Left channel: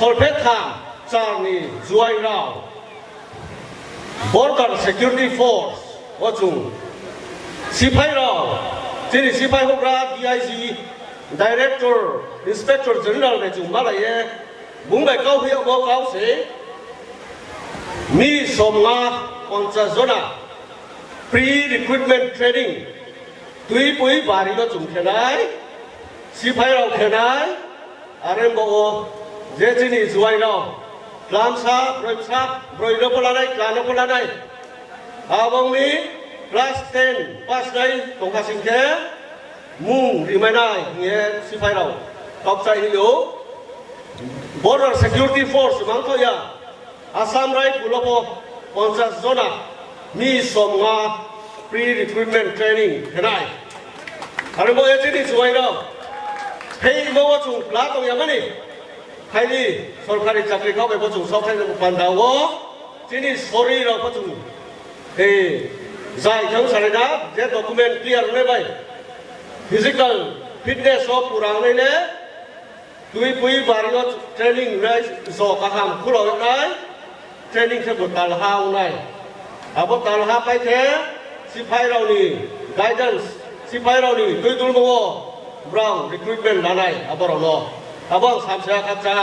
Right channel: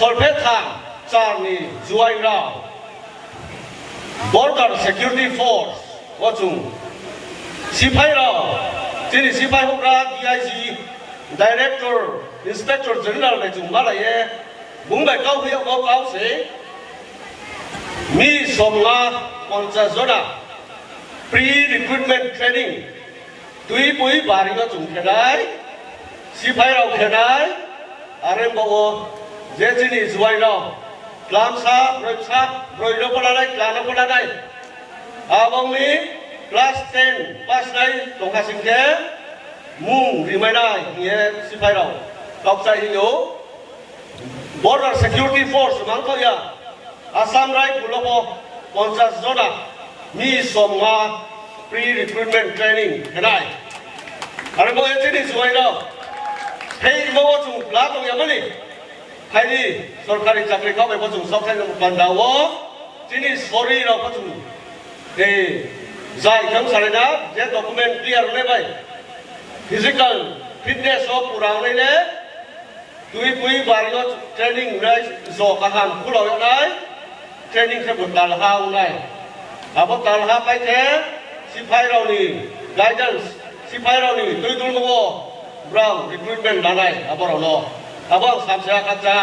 คนเพชรทางจางนี่จวยเรา Border Security Force ว่าจุงสิบให้เราที่นี่สิบให้พวกเรา DIG Director Inspector General ในจุงมาเลยบุ้งไปเก้าเพียวเก้าเสียมีสมงาวันจันทร์นะ Pre-recruitment Training ตุยปุยบารีก็จุงแค่ไหนสิบให้เราแค่ไหนอะไรบอกว่าเจที่นี่จวยเรากลามซาบริษัทบริษัทพลาได้กลางพลาได้อาบังนี้คลาส10ปัสได้ตรงกับสิ่งแค่มุ่งรีไม่ได้เงี้ยสิบให้เราตอบใจอยู่ Border Security Force มังเขาอย่าอาสามไรบุลโบปอนจัสโซนามีสมงา Pre-recruitment Training เห็นไหมอะไรบอกเจนี่จวยเราให้โมจุลาตรงอย่างนี้ใครดีสรการจักรีเข้าไปพอจุสอบให้ลงปันดาวที่นี่สอรี่เราพอจุใจทั้งสารนะเจ้าด็อกเมนต์เคลียร์เลยไป physical fitness ก็ปูราเลยเลยตุยปุยบาริโอเทรนนิ่งเลยสอบข้ามคู่เราอย่างไรเทรนนิ่งแค่บทตาลหางไงอาบทตาลหาไปแค่สิบให้เรานี่ guidance สิบให้เรานี่ตุยดูโม่ brown recruitment อะไรอาบเราเนาะอาบสามเสียกัจจา